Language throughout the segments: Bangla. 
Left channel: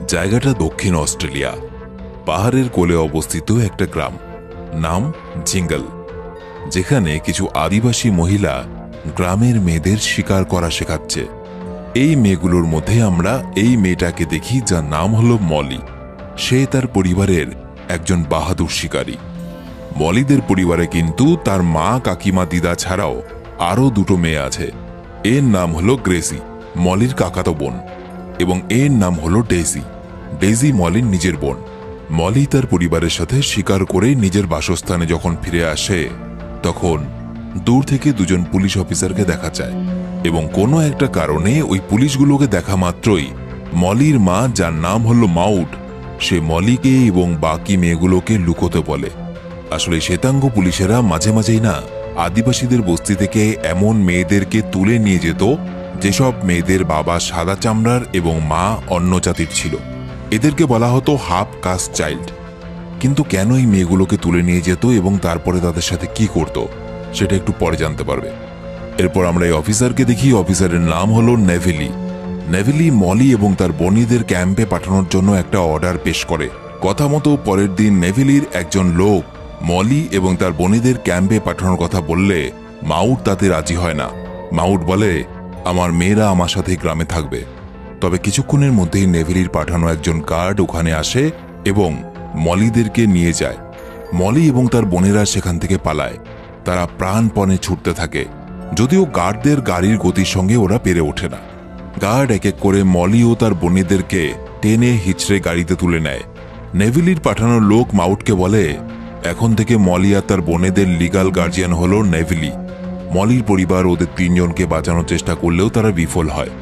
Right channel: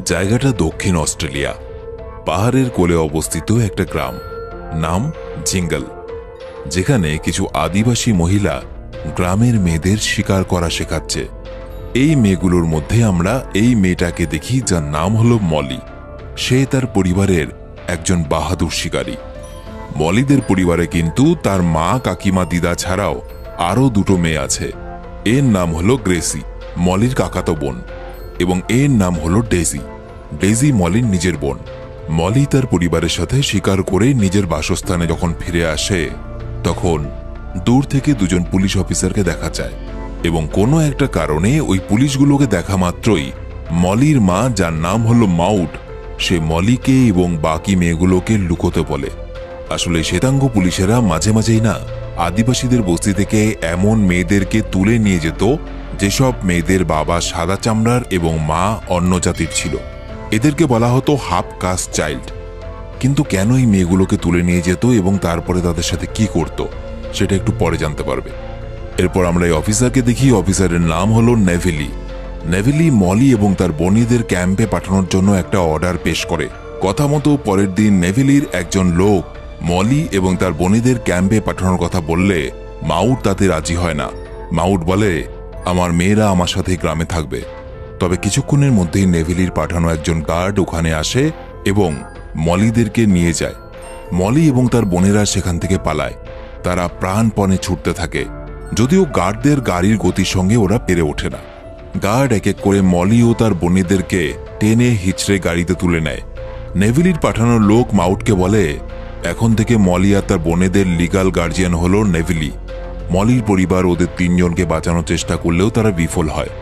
জায়গাটা দক্ষিণ অস্ট্রেলিয়া, পাহাড়ের কোলে অবস্থিত একটা গ্রাম, নাম জিঙ্গল, যেখানে কিছু আদিবাসী মহিলা গ্রামের মেয়েদের শিকার করা শেখাচ্ছে। এই মেয়েগুলোর মধ্যে আমরা এই মেয়েটাকে দেখি, যার নাম হলো মলি। সে তার পরিবারের একজন বাহাদুর শিকারী। মলিদের পরিবারে কিন্তু তার মা, কাকিমা, দিদা ছাড়াও আরো দুটো মেয়ে আছে। এর নাম হলো গ্রেসি, মলির কাকাতো বোন, এবং এর নাম হলো ডেজি। ডেজি মলির নিজের বোন। মলি তার পরিবারের সাথে শিকার করে নিজের বাসস্থানে যখন ফিরে আসে, তখন দূর থেকে দুজন পুলিশ অফিসারকে দেখা যায়, এবং কোনো একটা কারণে ওই পুলিশগুলোকে দেখা মাত্রই মলির মা, যার নাম হলো মাউট, সে মলিকে এবং বাকি মেয়েগুলোকে লুকোতে বলে। আসলে শ্বেতাঙ্গ পুলিশেরা মাঝে মাঝেই না আদিবাসীদের বস্তি থেকে এমন মেয়েদেরকে তুলে নিয়ে যেত যেসব মেয়েদের বাবা সাদা চামড়ার এবং মা অন্য জাতির ছিল। এদেরকে বলা হতো হাফ কাস্ট চাইল্ড। কিন্তু কেন এই মেয়েগুলোকে তুলে নিয়ে যেত এবং তারপরে তাদের সাথে কি করত, সেটা একটু পরে জানতে পারবে। এরপর আমরা এই অফিসারকে দেখি। অফিসারের নাম হলো নেভেলি। নেভেলি মলি এবং তার বোনেদের ক্যাম্পে পাঠানোর জন্য একটা অর্ডার পেশ করে। কথা মতো পরের দিন নেভেলির একজন লোক মলি এবং তার বোনেদের ক্যাম্পে পাঠানোর কথা বললে মাউট তাতে রাজি হয় না। মাউট বলে, আমার মেয়েরা আমার সাথে গ্রামে থাকবে। তবে কিছুক্ষণের মধ্যেই নেভেলির পাঠানো একজন গার্ড ওখানে আসে এবং মলিদেরকে নিয়ে যায়। মলি এবং তার বোনেরা সেখান থেকে পালায়। তারা প্রাণপণে ছুটতে থাকে, যদিও গার্ডদের গাড়ির গতির সঙ্গে ওরা পেরে ওঠে না। গার্ড এক এক করে মলি ও তার বোনেদেরকে টেনে হিচড়ে গাড়িতে তুলে নেয়। নেভেলির পাঠানো লোক মাউটকে বলে, এখন থেকে মলি আর তার বোনেদের লিগাল গার্জিয়ান হলো নেভেলি। মলির পরিবার ওদের তিনজনকে বাঁচানোর চেষ্টা করলেও তারা বিফল হয়।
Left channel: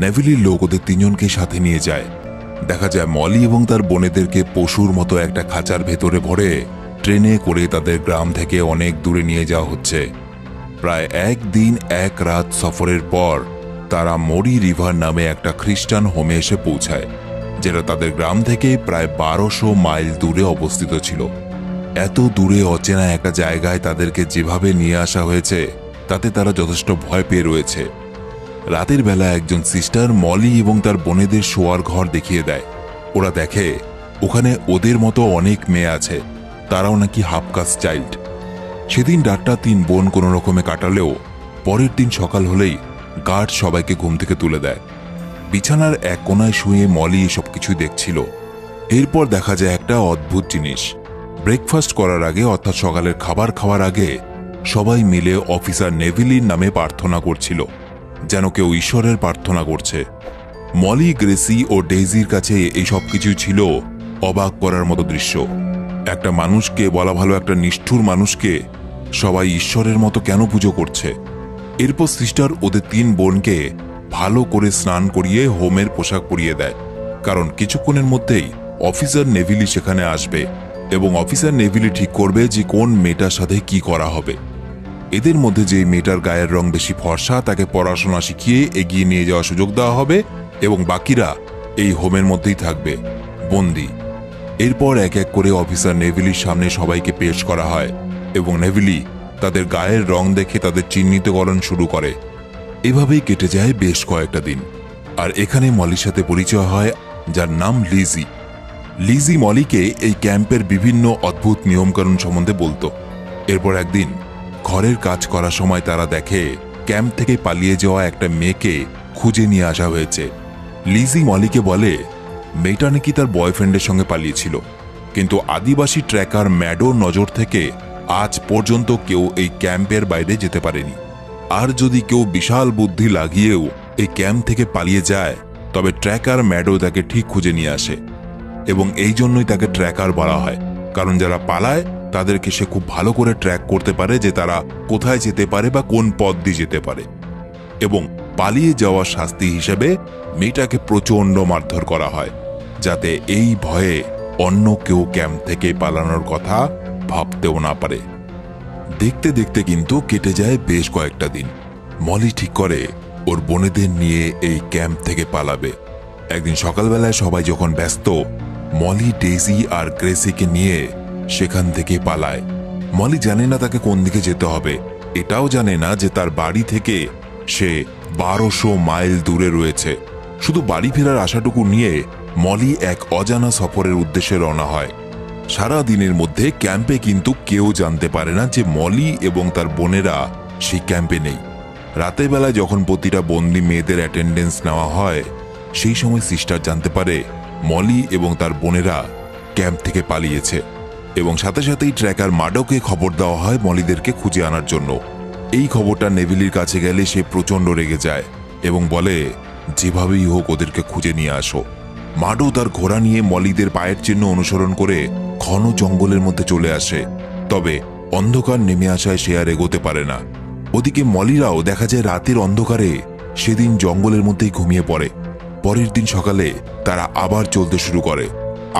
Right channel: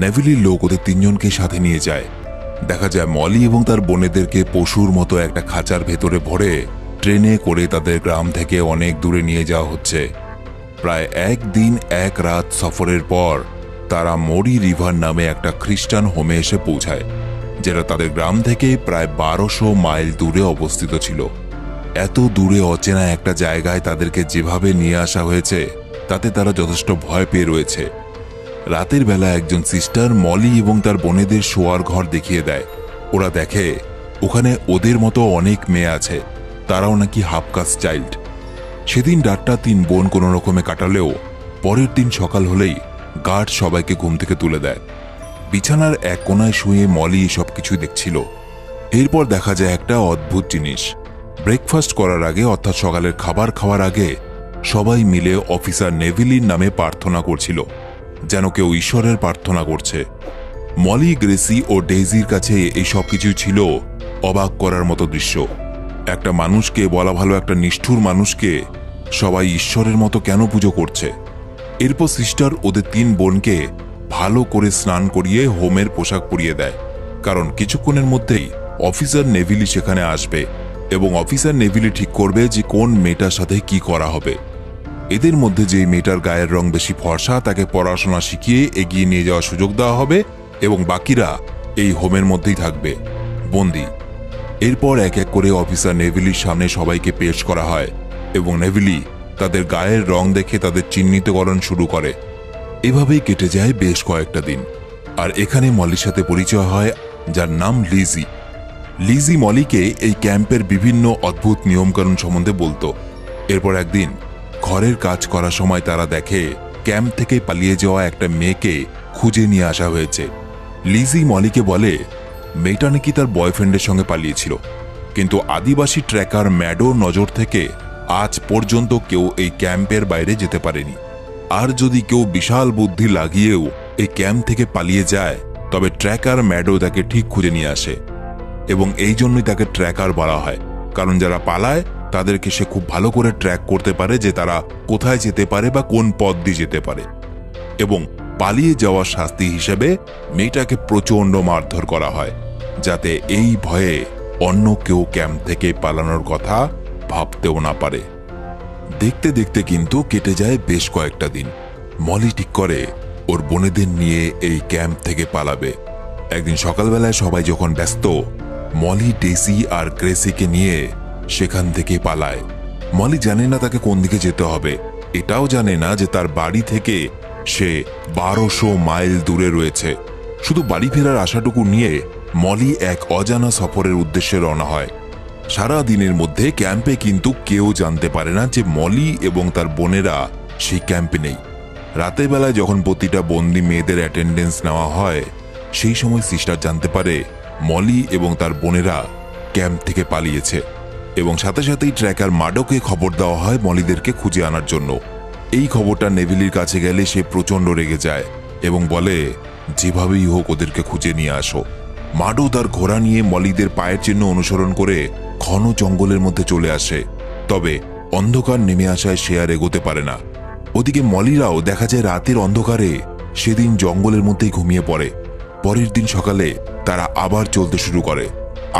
নেভেলির লোক ওদের তিনজনকে সাথে নিয়ে যায়। দেখা যায় মলি এবং তার বোনেদেরকে পশুর মতো একটা খাঁচার ভেতরে ভরে ট্রেনে করে তাদের গ্রাম থেকে অনেক দূরে নিয়ে যাওয়া হচ্ছে। প্রায় একদিন এক রাত সফরের পর তারা মরি রিভার নামে একটা খ্রিস্টান হোমে এসে পৌঁছায়, যেটা তাদের গ্রাম থেকে প্রায় 1200 মাইল দূরে অবস্থিত ছিল। এত দূরে অচেনা একটা জায়গায় তাদেরকে যেভাবে নিয়ে আসা হয়েছে, তাতে তারা যথেষ্ট ভয় পেয়ে রয়েছে। রাতের বেলা একজন সিস্টার মলি এবং তার বোনেদের শোয়ার ঘর দেখিয়ে দেয়। ওরা দেখে ওখানে ওদের মতো অনেক মেয়ে আছে, তারাও নাকি হাফ কাস্ট চাইল্ড। সেদিন রাতটা তিন বোন কোনো রকমে কাটালেও পরের দিন সকাল হলেই গার্ড সবাইকে ঘুম থেকে তুলে দেয়। বিছানার এক কোনায় শুয়ে মলি এসব কিছু দেখছিল। এরপর দেখা যায় একটা অদ্ভুত জিনিস। ব্রেকফাস্ট করার আগে, অর্থাৎ সকালের খাবার খাওয়ার আগে, সবাই মিলে অফিসার নেভেলির নামে প্রার্থনা করছিল, যেন কেউ ঈশ্বরের প্রার্থনা করছে। মলি, গ্রেসি ও ডেইজির কাছে এই সব কিছু ছিল অবাক করার মতো দৃশ্য। একটা মানুষকে, বলা ভালো একটা নিষ্ঠুর মানুষকে, সবাই ঈশ্বরের মতো কেন পুজো করছে? এরপর সিস্টার ওদের তিন বোনকে ভালো করে স্নান করিয়ে হোমের পোশাক পরিয়ে দেয়, কারণ কিছুক্ষণের মধ্যেই অফিসার নেভেলি সেখানে আসবে এবং অফিসার নেভেলি ঠিক করবে যে কোন মেয়েটার সাথে কি করা হবে। এদের মধ্যে যে মেয়েটার গায়ের রং বেশি ফর্সা, তাকে পড়াশোনা শিখিয়ে এগিয়ে নিয়ে যাওয়ার সুযোগ দেওয়া হবে এবং বাকিরা এই হোমের মধ্যেই থাকবে বন্দী। এরপর এক এক করে অফিসার নেভেলির সামনে সবাইকে পেশ করা হয় এবং নেভেলি তাদের গায়ের রং দেখে তাদের চিহ্নিতকরণ শুরু করে। এভাবেই কেটে যায় বেশ কয়েকটা দিন। আর এখানে মলির সাথে পরিচয় হয়, যার নাম লিজি। লিজি মলিকে এই ক্যাম্পের বিভিন্ন অদ্ভুত নিয়মকানুন সম্বন্ধে বলতো। এরপর একদিন ঘরের কাজ করার সময় তারা দেখে ক্যাম্প থেকে পালিয়ে যাওয়া একটা মেয়েকে খুঁজে নিয়ে আসা হয়েছে। লিজি মলিকে বলে মেয়েটা নাকি তার বয়ফ্রেন্ডের সঙ্গে পালিয়েছিল, কিন্তু আদিবাসী ট্র্যাকার ম্যাডোর নজর থেকে আজ পর্যন্ত কেউ এই ক্যাম্পের বাইরে যেতে পারেনি। আর যদি কেউ বিশাল বুদ্ধি লাগিয়েও এই ক্যাম্প থেকে পালিয়ে যায়, তবে ট্র্যাকার ম্যাডো তাকে ঠিক খুঁজে নিয়ে আসে। এবং এই জন্যই তাকে ট্র্যাকার বলা হয়, কারণ যারা পালায় তাদেরকে সে খুব ভালো করে ট্র্যাক করতে পারে যে তারা কোথায় যেতে পারে বা কোন পথ দিয়ে যেতে পারে। এবং পালিয়ে যাওয়ার শাস্তি হিসেবে মেয়েটাকে প্রচন্ড মারধর করা হয়, যাতে এই ভয়ে অন্য কেউ ক্যাম্প থেকে পালানোর কথা ভাবতেও না পারে। দেখতে দেখতে কিন্তু কেটে যায় বেশ কয়েকটা দিন। মলি ঠিক করে ওর বোনেদের নিয়ে এই ক্যাম্প থেকে পালাবে। একদিন সকালবেলা সবাই যখন ব্যস্ত, মলি ডেজি আর গ্রেসিকে নিয়ে সেখান থেকে পালায়। মলি জানে না তাকে কোন দিকে যেতে হবে, এটাও জানে না যে তার বাড়ি থেকে সে 1200 মাইল দূরে রয়েছে। শুধু বাড়ি ফেরার আশাটুকু নিয়ে মলি এক অজানা সফরের উদ্দেশ্যে রওনা হয়। সারা দিনের মধ্যে ক্যাম্পে কিন্তু কেউ জানতে পারে না যে মলি এবং তার বোনেরা সেই ক্যাম্পে নেই। রাতের বেলায় যখন প্রতিটা বন্দি মেয়েদের অ্যাটেন্ডেন্স নেওয়া হয়, সেই সময় সিস্টার জানতে পারে মলি এবং তার বোনেরা ক্যাম্প থেকে পালিয়েছে, এবং সাথে সাথেই ট্র্যাকার মাডোকে খবর দেওয়া হয় মলিদেরকে খুঁজে আনার জন্য। এই খবরটা নেভিলির কাছে গেলে সে প্রচন্ড রেগে যায় এবং বলে, যেভাবেই হোক ওদেরকে খুঁজে নিয়ে আসো। মাডো তার ঘোড়া নিয়ে মলিদের পায়ের চিহ্ন অনুসরণ করে ঘন জঙ্গলের মধ্যে চলে আসে, তবে অন্ধকার নেমে আসায় সে আর এগোতে পারে না। ওদিকে মলিরাও দেখা যায় রাতের অন্ধকারে সেদিন জঙ্গলের মধ্যেই ঘুমিয়ে পড়ে। পরের দিন সকালে তারা আবার চলতে শুরু করে।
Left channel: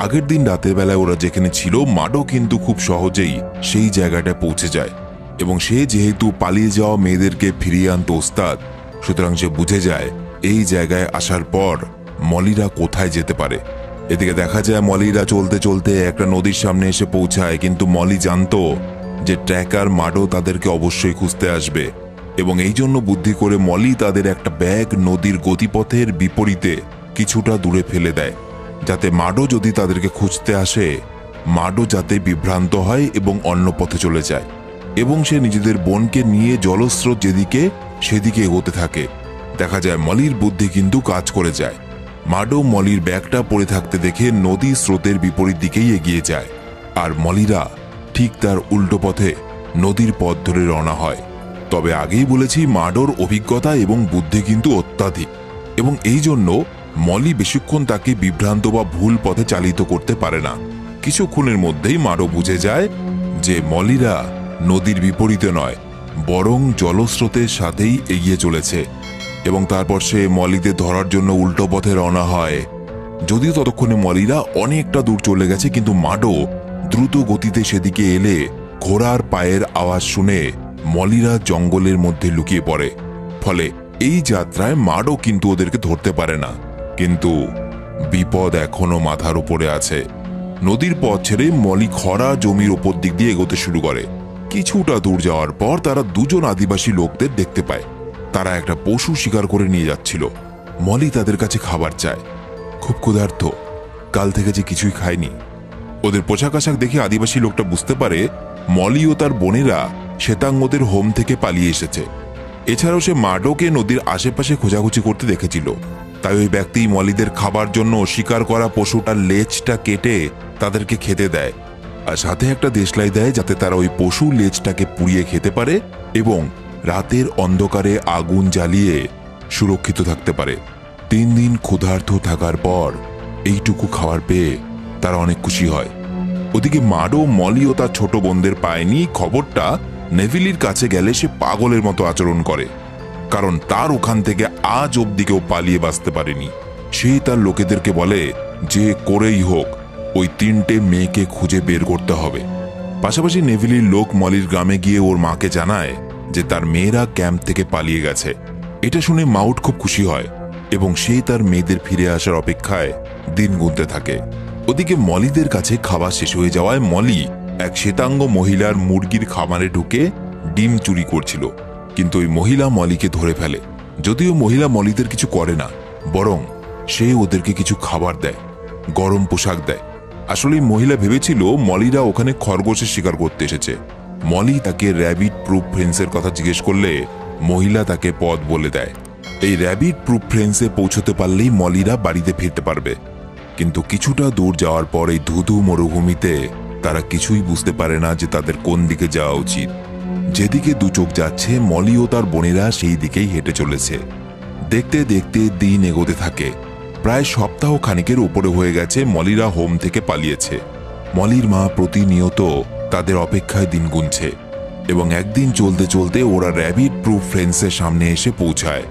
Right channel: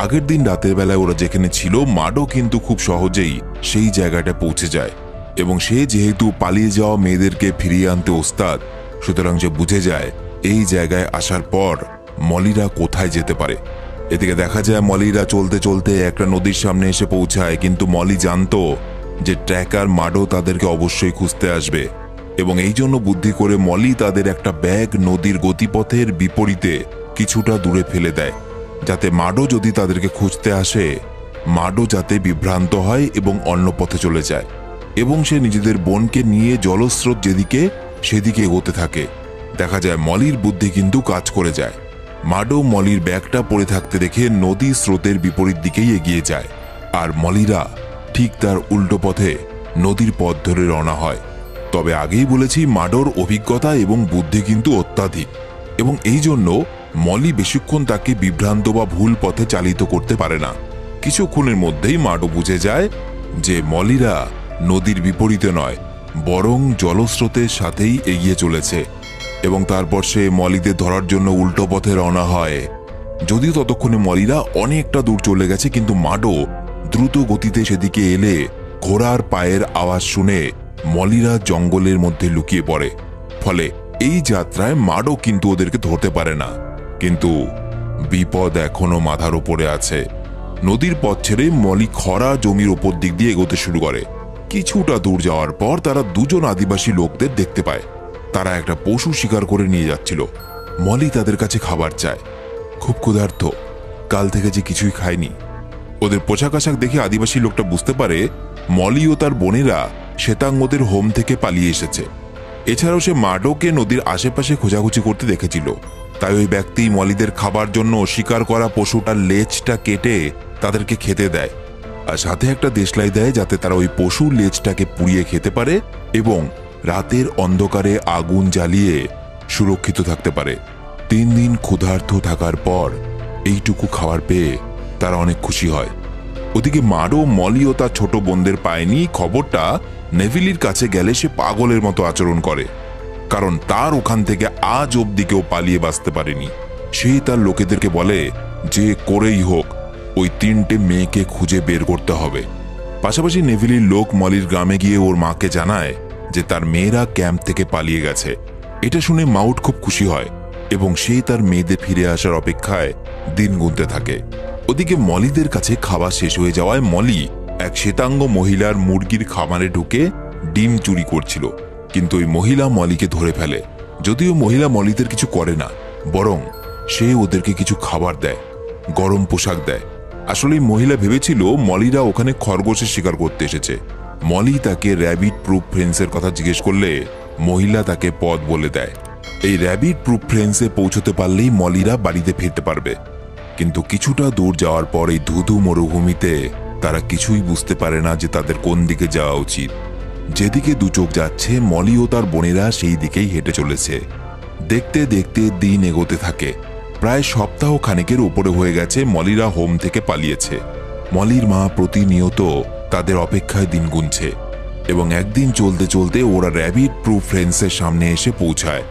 আগের দিন রাতের বেলায় ওরা যেখানে ছিল, মাডো কিন্তু খুব সহজেই সেই জায়গাটা পৌঁছে যায়, এবং সে যেহেতু পালিয়ে যাওয়া মেয়েদেরকে ফিরিয়ে আনতে ওস্তাদ, সুতরাং সে বুঝে যায় এই জায়গায় আসার পর মলিরা কোথায় যেতে পারে। এদিকে দেখা যায় মলিরা চলতে চলতে একটা নদীর সামনে এসে পৌঁছায়, কিন্তু মলি জানতো যে ট্র্যাকার মাডো তাদেরকে অবশ্যই খুঁজতে আসবে, এবং এই জন্য বুদ্ধি করে মলি তাদের একটা ব্যাগ নদীর গতিপথের বিপরীতে কিছুটা দূরে ফেলে দেয়, যাতে মাডো যদি তাদেরকে খুঁজতে আসে, মাডো যাতে বিভ্রান্ত হয় এবং অন্য পথে চলে যায়, এবং সে নিজেদের বোনকে নিয়ে জলস্রোত যেদিকে সেদিকে এগোতে থাকে। দেখা যায় মলির বুদ্ধি কিন্তু কাজ করে যায়। মাডো মলির ব্যাগটা পড়ে থাকতে দেখে নদী স্রোতের বিপরীত দিকেই এগিয়ে যায়, আর মলিরা ঠিক তার উল্টো পথে নদীর পথ ধরে রওনা হয়। তবে আগেই বলেছি, মাডোর অভিজ্ঞতা এবং বুদ্ধি কিন্তু অত্যাধিক, এবং এই জন্য মলি বেশিক্ষণ তাকে বিভ্রান্ত বা ভুল পথে চালিত করতে পারে না। কিছুক্ষণের মধ্যেই মাডো বুঝে যায় যে মলিরা নদীর বিপরীতে নয়, বরং জলস্রোতের সাথেই এগিয়ে চলেছে, এবং তারপর সে মলিদের ধরার জন্য উল্টো পথে রওনা হয়। যদিও ততক্ষণে মলিরা অনেকটা দূর চলে গেছে, কিন্তু মাডো দ্রুত গতিতে সেদিকে এলে ঘোড়ার পায়ের আওয়াজ শুনে মলিরা জঙ্গলের মধ্যে লুকিয়ে পড়ে। ফলে এই যাত্রায় মাডো কিন্তু ওদেরকে ধরতে পারে না, কিন্তু বিপদ এখনো মাথার উপরে আছে। নদীর পথ ছেড়ে মলি খরা জমির উপর দিক দিয়ে এগোতে শুরু করে। কিছুটা দূর যাওয়ার পর তারা দুজন আদিবাসী লোকদের দেখতে পায়। তারা একটা পশু শিকার করে নিয়ে যাচ্ছিল। মলি তাদের কাছে খাবার চায়, খুব ক্ষুধার্ত, কাল থেকে যে কিছুই খায়নি। ওদের পোশাক আশাক দেখে আদিবাসী লোকটা বুঝতে পারে মলি ও তার বোনেরা শ্বেতাঙ্গদের হোম থেকে পালিয়ে এসেছে। এছাড়াও সে মাডোকে নদীর আশেপাশে খোঁজাখুঁজি করতে দেখেছিল, তাই ওই ব্যক্তি মলিদের খাবার জন্য শিকার করা পশুটার লেজটা কেটে তাদেরকে খেতে দেয়, আর সাথে একটা দেশলাই দেয় যাতে তারা ওই পশুর লেজটাকে পুড়িয়ে খেতে পারে এবং রাতের অন্ধকারে আগুন জ্বালিয়ে সুরক্ষিত থাকতে পারে। 3 দিন ক্ষুধার্ত থাকার পর এইটুকু খাবার পেয়ে তারা অনেক খুশি হয়। ওদিকে মাডো মলি ও তার ছোট বোনদের পায়নি। খবরটা নেভিলির কাছে গেলে সে পাগলের মতো আচরণ করে, কারণ তার ওখান থেকে আজ অব্দি কেউ পালিয়ে বাঁচতে পারেনি। সে তার লোকেদেরকে বলে যে করেই হোক ওই 3টে মেয়েকে খুঁজে বের করতে হবে। পাশাপাশি নেভিলির লোক মলির গ্রামে গিয়ে ওর মাকে জানায় যে তার মেয়েরা ক্যাম্প থেকে পালিয়ে গেছে। এটা শুনে মাউট খুব খুশি হয় এবং সে তার মেয়েদের ফিরে আসার অপেক্ষায় দিন গুনতে থাকে। ওদিকে মলিদের কাছে খাবার শেষ হয়ে যাওয়ায় মলি এক শ্বেতাঙ্গ মহিলার মুরগির খামারে ঢুকে ডিম চুরি করছিল, কিন্তু ওই মহিলা মলিকে ধরে ফেলে। যদিও মহিলা মলিদের কিছু করে না, বরং সে ওদেরকে কিছু খাবার দেয়, গরম পোশাক দেয়। আসলে মহিলা ভেবেছিল মলিরা ওখানে খরগোশের শিকার করতে এসেছে। মলি তাকে র্যাবিট প্রুফ ফেন্সের কথা জিজ্ঞেস করলে মহিলা তাকে পথ বলে দেয়। এই র্যাবিট প্রুফ ফেন্সে পৌঁছতে পারলেই মলিরা বাড়িতে ফিরতে পারবে। কিন্তু কিছুটা দূর যাওয়ার পর এই ধুধু মরুভূমিতে তারা কিছুই বুঝতে পারে না যে তাদের কোন দিকে যাওয়া উচিত। যেদিকে দু চোখ যাচ্ছে মলি ও তার বোনেরা সেই দিকেই হেঁটে চলেছে। দেখতে দেখতে দিন এগোতে থাকে। প্রায় সপ্তাহ খানেকের উপরে হয়ে গেছে মলিরা হোম থেকে পালিয়েছে। মলির মা প্রতিনিয়ত তাদের অপেক্ষায় দিন গুনছে, এবং একদিন চলতে চলতে ওরা র্যাবিট প্রুফ ফেন্সের সামনে এসে পৌঁছায়,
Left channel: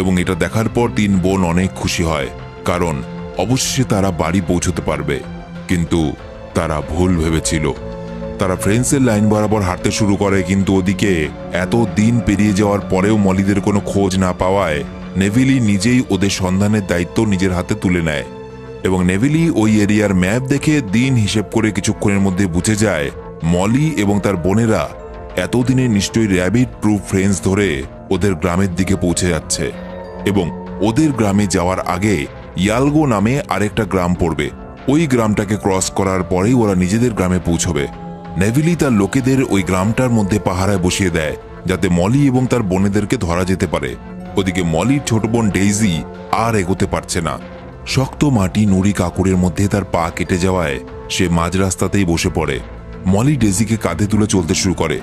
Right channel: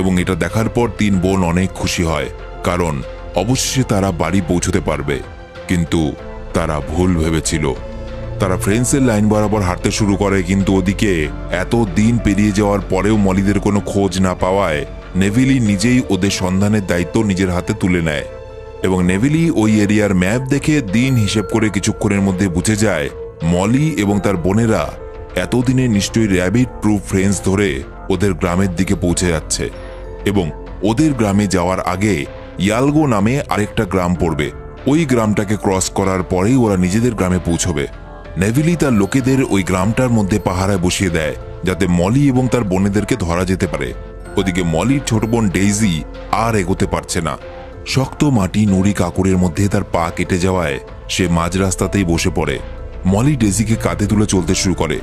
এবং এটা দেখার পর 3 বোন অনেক খুশি হয়, কারণ অবশ্যই তারা বাড়ি পৌঁছতে পারবে। কিন্তু তারা ভুল ভেবেছিল। তারা ফ্রেন্সের লাইন বরাবর হাঁটতে শুরু করে, কিন্তু ওদিকে এত দিন পেরিয়ে যাওয়ার পরেও মলিদের কোনো খোঁজ না পাওয়ায় নেভিলি নিজেই ওদের সন্ধানের দায়িত্ব নিজের হাতে তুলে নেয়, এবং নেভিলি ওই এরিয়ার ম্যাপ দেখে দিন হিসেব করে কিছুক্ষণের মধ্যে বুঝে যায় মলি এবং তার বোনেরা এতদিনে নিশ্চয়ই র্যাবিট প্রুফ ফেন্স ধরে ওদের গ্রামের দিকে পৌঁছে যাচ্ছে, এবং ওদের গ্রামে যাওয়ার আগে ইয়ালগো নামে আরেকটা গ্রাম পড়বে। ওই গ্রামটাকে ক্রস করার পরে ওরা নিজেদের গ্রামে পৌঁছবে। নেভিলি তার লোকেদের ওই গ্রামটার মধ্যে পাহারায় বসিয়ে দেয় যাতে মলি এবং তার বোনেদেরকে ধরা যেতে পারে। ওদিকে মলির ছোট বোন ডেইজি আর এগোতে পারছে না। শক্ত মাটি নুড়ি কাকুরের মধ্যে তার পা কেটে যাওয়ায় সে মাঝ রাস্তাতেই বসে পড়ে। মলি ডেইজিকে কাঁধে তুলে চলতে শুরু করে।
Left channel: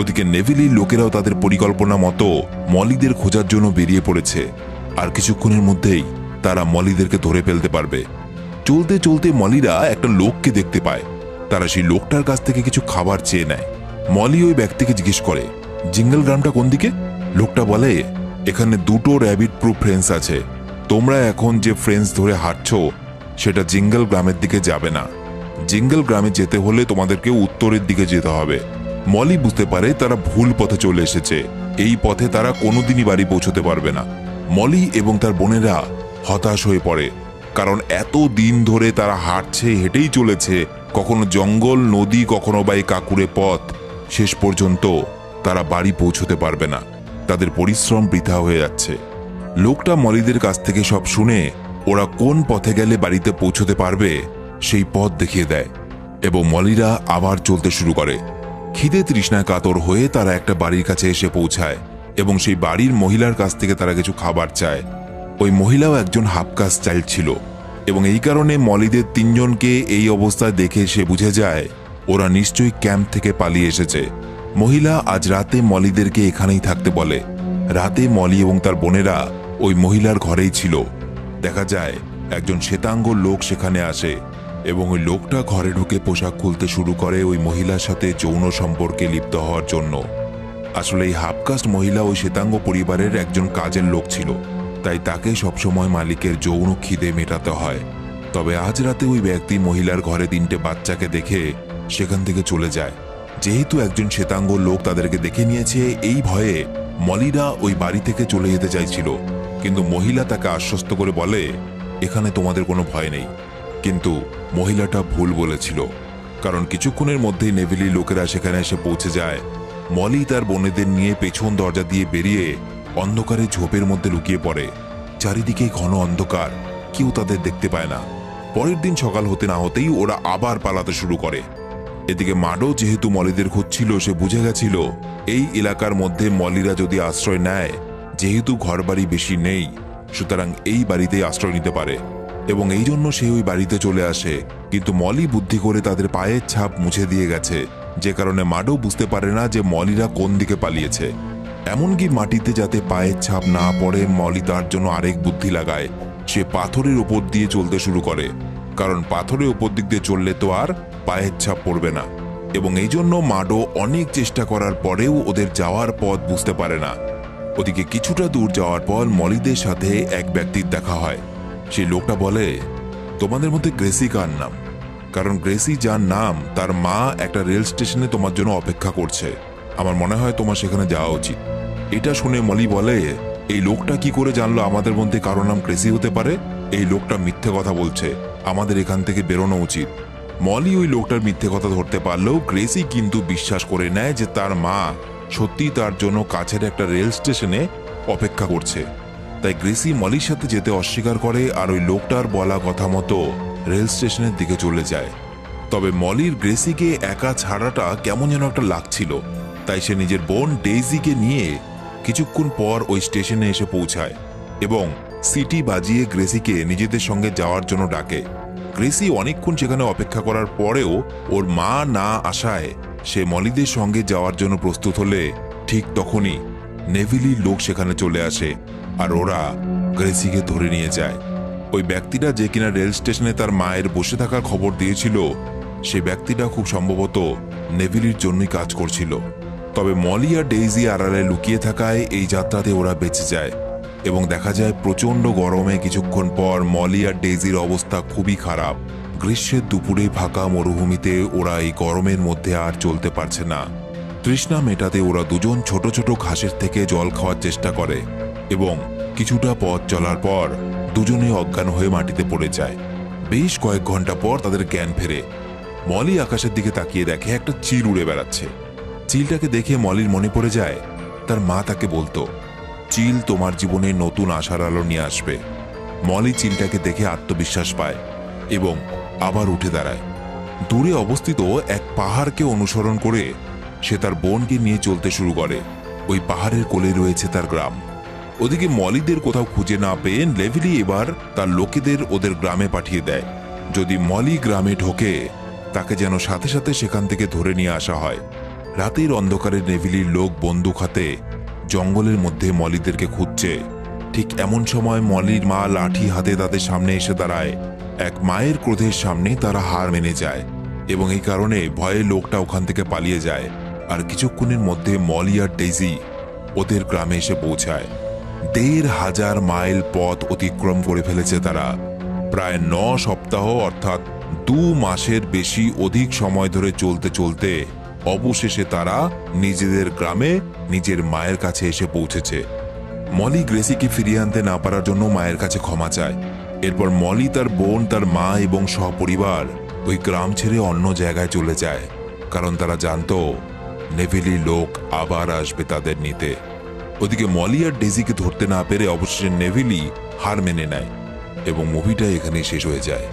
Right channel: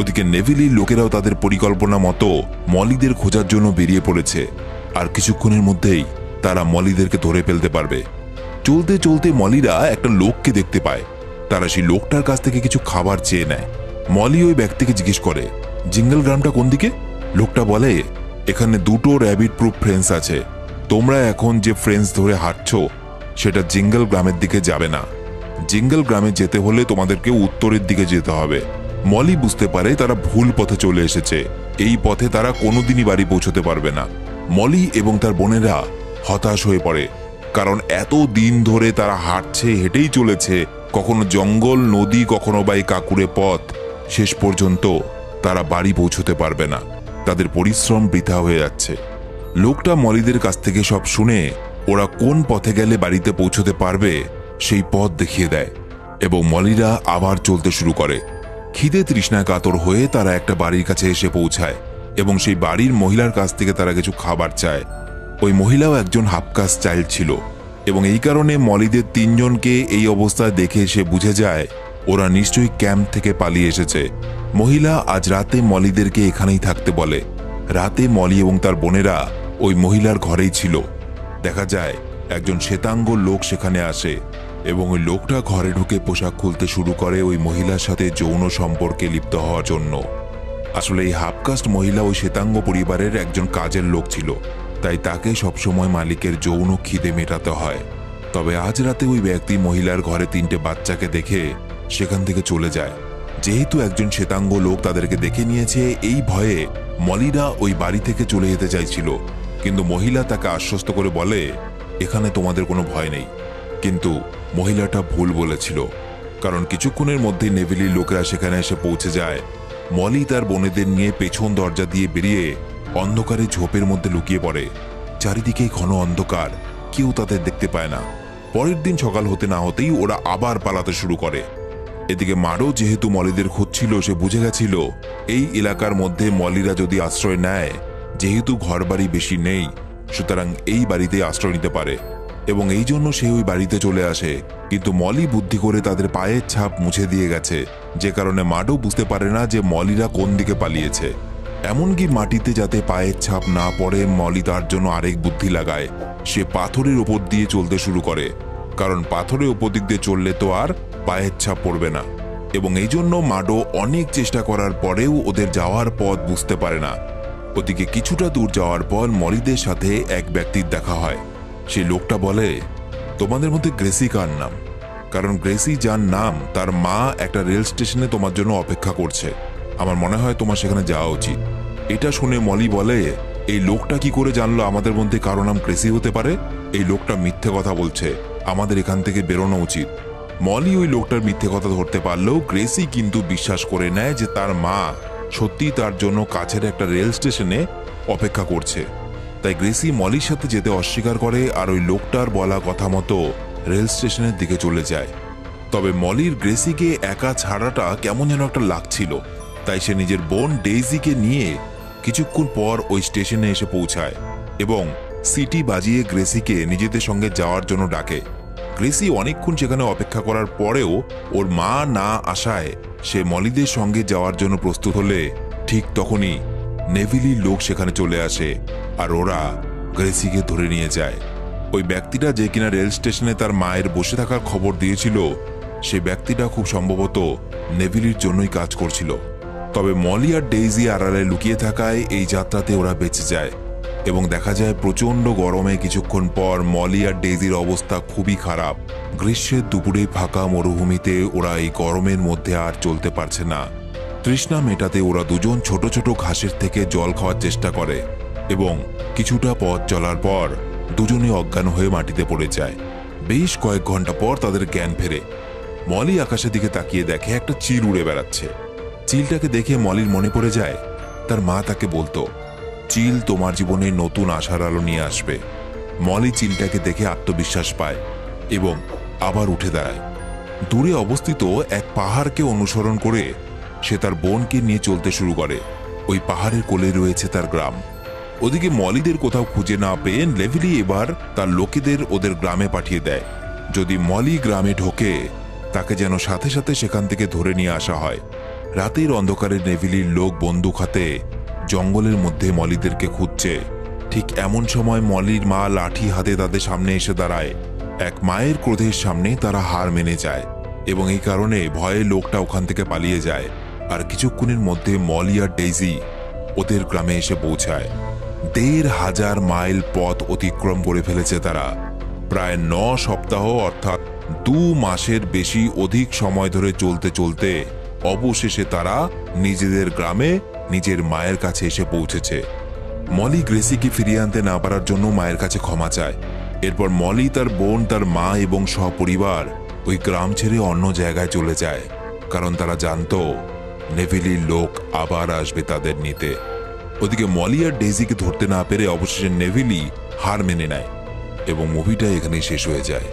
ওদিকে নেভিলির লোকেরাও তাদের পরিকল্পনা মতো মলিদের খোঁজার জন্য বেরিয়ে পড়েছে। আর কিছুক্ষণের মধ্যেই তারা মলিদেরকে ধরে ফেলতে পারবে। চলতে চলতে মলিরা একটা লোককে দেখতে পায়। তারা সেই লোকটার কাছ থেকে কিছু খাবার চেয়ে নেয়। মলি ওই ব্যক্তিকে জিজ্ঞেস করে, জিঙ্গল গ্রামটা কোন দিকে? লোকটা বলে, এখানে দুটো র্যাবিট প্রুফ ফ্রেন্স আছে। তোমরা এখন যে ফ্রেন্স ধরে হাঁটছ সেটা জিঙ্গল গ্রামের দিকে যাবে না। জিঙ্গল গ্রামে যেতে হলে তোমাদেরকে উত্তরের দিকে যেতে হবে। মলি বুঝতে পারে তারা ভুল পথে চলে এসেছে। এই পথে তারা কোনোদিনই বাড়ি পৌঁছতে পারবে না। মলি এবং তার বোনেরা হতাশ হয়ে পড়ে, কারণ এত দিন ধরে তারা হাঁটছে, হেঁটেই চলেছে, কখনো জঙ্গল, নদী, কখনো বা এই কাকুরে পথ। শেষ পর্যন্ত তারা বাড়ি পৌঁছতে পারবে না। তাদের পরিশ্রম বৃথা হয়ে যাচ্ছে। লোকটা মলিদের কাছ থেকে সব শুনে ওরা কোন পথে গেলে বাড়িতে পৌঁছতে পারবে সেই পথ দেখিয়ে দেয় এবং মলিরা আবার চলতে শুরু করে। খিদে তৃষ্ণায় কাতর হয়ে তারা একটা বাড়ির কাছে এসে পৌঁছায় এবং সেই বাড়ির মহিলার কাছ থেকে তারা কিছু খাবার চায়। ওই মহিলাও একজন হাফকাস্ট চাইল্ড ছিল এবং এই কারণে মলিদের তিনজনকে এই অবস্থায় দেখে সে বুঝে যায় ওরা নিশ্চয়ই ক্যাম্প থেকে পালিয়ে এসেছে। মহিলা আজ রাতে মলিদেরকে এখানেই থাকতে বলে। রাতে মলি এবং তার বোনেরা ওই মহিলার ঘরেই ছিল। দেখা যায় একজন শ্বেতাঙ্গ লোক সেখানে আসে এবং ওই লোকটা ঘরে ঢুকে পোশাক খুলতে শুরু করে ওই মহিলার সাথে যৌন সম্পর্কে লিপ্ত হওয়ার জন্য। আসলে এই হাফকাস্ট মহিলা ওই শ্বেতাঙ্গ পরিবারের একজন কাজের লোক ছিল, তাই তাকে সবসময় মালিকের যৌন খিদে মেটাতে হয়। তবে আজ রাতে ওই ব্যক্তি মহিলার ঘরে 3টে বাচ্চাকে দেখে সেখান থেকে চলে যায়। যেহেতু একজন শ্বেতাঙ্গ লোক তাদেরকে দেখে নিয়েছে, এই ভয়ে মলিরা ওই বাড়ি থেকে চলে যেতে চাইছিল, কিন্তু মহিলা তাকে আশ্বস্ত করে বলে, এখানে তোমাদের কোনো ভয় নেই। কিন্তু মহিলাটা ভুল বলেছিল, কারণ কিছুক্ষণের মধ্যে নেভিলির লোকেরা সেখানে এসে পৌঁছে যায়। মলি তার বোনেদের নিয়ে পেছন দরজা দিয়ে বেরিয়ে অন্ধকারে ঝোপের মধ্যে লুকিয়ে পড়ে। চারিদিকে ঘন অন্ধকার, কেউ তাদের দেখতে পায় না। পরের দিন সকাল হতে না হতেই ওরা আবার পালাতে শুরু করে। এদিকে মাডো যেহেতু মলিদের খুঁজছিল, সে বুঝে গেছিল এই এলাকার মধ্যে মলিরা যদি আশ্রয় নেয়, যেহেতু ঘরবাড়ি বেশি নেই, সুতরাং এই বাড়িতে আশ্রয় নিতে পারে এবং এই জন্য সে ওই বাড়িতে চলে আসে। কিন্তু মলি বুদ্ধি করে তাদের পায়ের ছাপ মুছে দিয়ে গেছে, যে কারণে মাডো বুঝতে পারে না যে মলিরা কোন দিকে পালিয়েছে। এমনকি মাটিতে যাতে পায়ের ছাপ না পড়ে, মলি তার জন্য আরেক বুদ্ধি লাগায়। সে পাথরের উপর দিয়ে চলতে শুরু করে, কারণ পাথরের উপর দিক দিয়ে চললে তো আর পায়ের ছাপ পড়বে না। এবং এই জন্য মাডো অনেক চেষ্টা করার পরেও ওদের যাওয়ার পথ বুঝতে পারে না। ওদিকে কিছুটা দূর যাওয়ার পর মলিদের সাথে এক ব্যক্তির দেখা হয়। সেই লোকটা বলে, তোমাদের মধ্যে গ্রেসি কার নাম? কারণ গ্রেসি যার নাম, তার মা একটা রেল স্টেশনে তোমার জন্য অপেক্ষা করছে। আমার মনে হয় তোমার সেখানে যাওয়া উচিত। এটা শুনে মলি বলে, এই লোকটা কি করে জানলো আমাদের মধ্যে কারো নাম গ্রেসি হতে পারে? এই লোকটা মিথ্যে কথা বলছে, আমাদের এখান থেকে বেরোনো উচিত। মলি ওই লোকটার মিথ্যে কথা ধরতে পারলেও গ্রেসি কিন্তু বিশ্বাস করে নেয় যে তার মা সত্যি তার জন্য কাছের একটা রেল স্টেশনে অপেক্ষা করছে। তাই গ্রেসি মলির সাথে যেতে অস্বীকার করে আর ওই লোকটার বলা কথা মতো রেল স্টেশনের দিকে চলে যায়। তবে মলির গ্রেসিকে একা ছাড়াটা কেমন যেন একটা লাগছিল, তাই সে নিজের বোন ডেইজিকে নিয়ে কিছুক্ষণ পর ওই স্টেশনে এসে পৌঁছায় এবং সিটি বাজিয়ে গ্রেসিকে নিজেদের সঙ্গে যাওয়ার জন্য ডাকে। গ্রেসি অনেকক্ষণ সেখানে অপেক্ষা করার পরেও ওর মা না আসায় সে মলিদের সঙ্গে যাওয়ার জন্য প্রস্তুত হলে ঠিক তখনই নেভিলির লোক সেখানে চলে আসে আর ওরা গ্রেসিকে ধরে নিয়ে যায়। ওই ব্যক্তিটা যে কিনা রেল স্টেশনে তার মায়ের বসে থাকার খবর দিয়েছিল, সেই ব্যক্তিটা খুব সম্ভবত নেভিলির জন্যই কাজ করছিল। তবে মলি আর ডেইজি আড়ালে লুকিয়ে থাকায় এই যাত্রাতে ওরা বেঁচে যায় এবং দেখা যায় প্রচন্ড গরমে কিছুক্ষণ পর মলি আর ডেইজির অবস্থা খুবই খারাপ। গ্রীষ্মের দুপুরে ফাঁকা মরুভূমিতে ওরা এই গরমের মধ্যে আর চলতে পারছে না। তৃষ্ণা মেটাতে ওরা দুজন ছোট ছোট ঘাসের থেকে জল খাওয়ার চেষ্টা করে এবং কিছুটা পথ চলার পর দুজনই অজ্ঞান হয়ে মাটিতে পড়ে যায়। বেশ কয়েক ঘন্টা পর তাদের জ্ঞান ফেরে। মলি আকাশের দিকে তাকিয়ে দেখে একটা চিল উড়ে বেড়াচ্ছে। চিলটাকে দেখে মলির মনে পড়ে যায় তার মা তাকে বলতো, চিল তোমার জীবনে নতুন আশার আলো নিয়ে আসবে। মলি চিলটাকে দেখে আত্মবিশ্বাস পায় এবং আবার উঠে দাঁড়ায়। দূরে অবস্থিত এক পাহাড়কে অনুসরণ করে সে তার বোনকে নিয়ে চলতে শুরু করে। ওই পাহাড়ের কোলে রয়েছে তার গ্রাম। ওদিকে মলিদের কোথাও খুঁজে না পেয়ে নেভিলি এবার তার লোকেদের ওদের গ্রামে পাঠিয়ে দেয়। যদি মলি গ্রামে ঢোকে তাকে যেন সাথে সাথে সেখান থেকে ধরে নিয়ে আসা হয়। রাতের অন্ধকারে নেভিলির লোক বন্দুক হাতে জঙ্গলের মধ্যে মলিদেরকে খুঁজছে। ঠিক এমন সময় মলির মা লাঠি হাতে তাদের সামনে এসে দাঁড়ায়। এক মায়ের ক্রোধের সামনেই তারা হার মেনে যায় এবং এই কারণে ভয়ে লোকটা ওখান থেকে পালিয়ে যায়। আর কিছুক্ষণের মধ্যে মলি আর ডেইজি ওদের গ্রামে এসে পৌঁছায়। ১,৫০০ মাইল পথ অতিক্রম করে ফেলেছে তারা। প্রায় ৯ সপ্তাহ অর্থাৎ ২ মাসের বেশি অধিক সময় ধরে চলতে চলতে অবশেষে তারা নিজেদের গ্রামে নিজের মায়ের কাছে এসে পৌঁছেছে। মলি গ্রেসিকে ফিরিয়ে আনতে না পারার জন্য মায়ের কাছে ক্ষমা চায়। এরপর মলি, তার বোন, তার মা এবং সপরিবার ওই গ্রাম ছেড়ে অন্য জায়গায় চলে যায়, কারণ তারা জানতো নেভিলির লোক আবার আসবে তাদের নিতে। ওদিকে মলি আর ডেজিকে ধরতে না পেরে অবশেষে নেভিলি হার মেনে নেয় এবং মুভিটা এখানেই শেষ হয়ে যায়।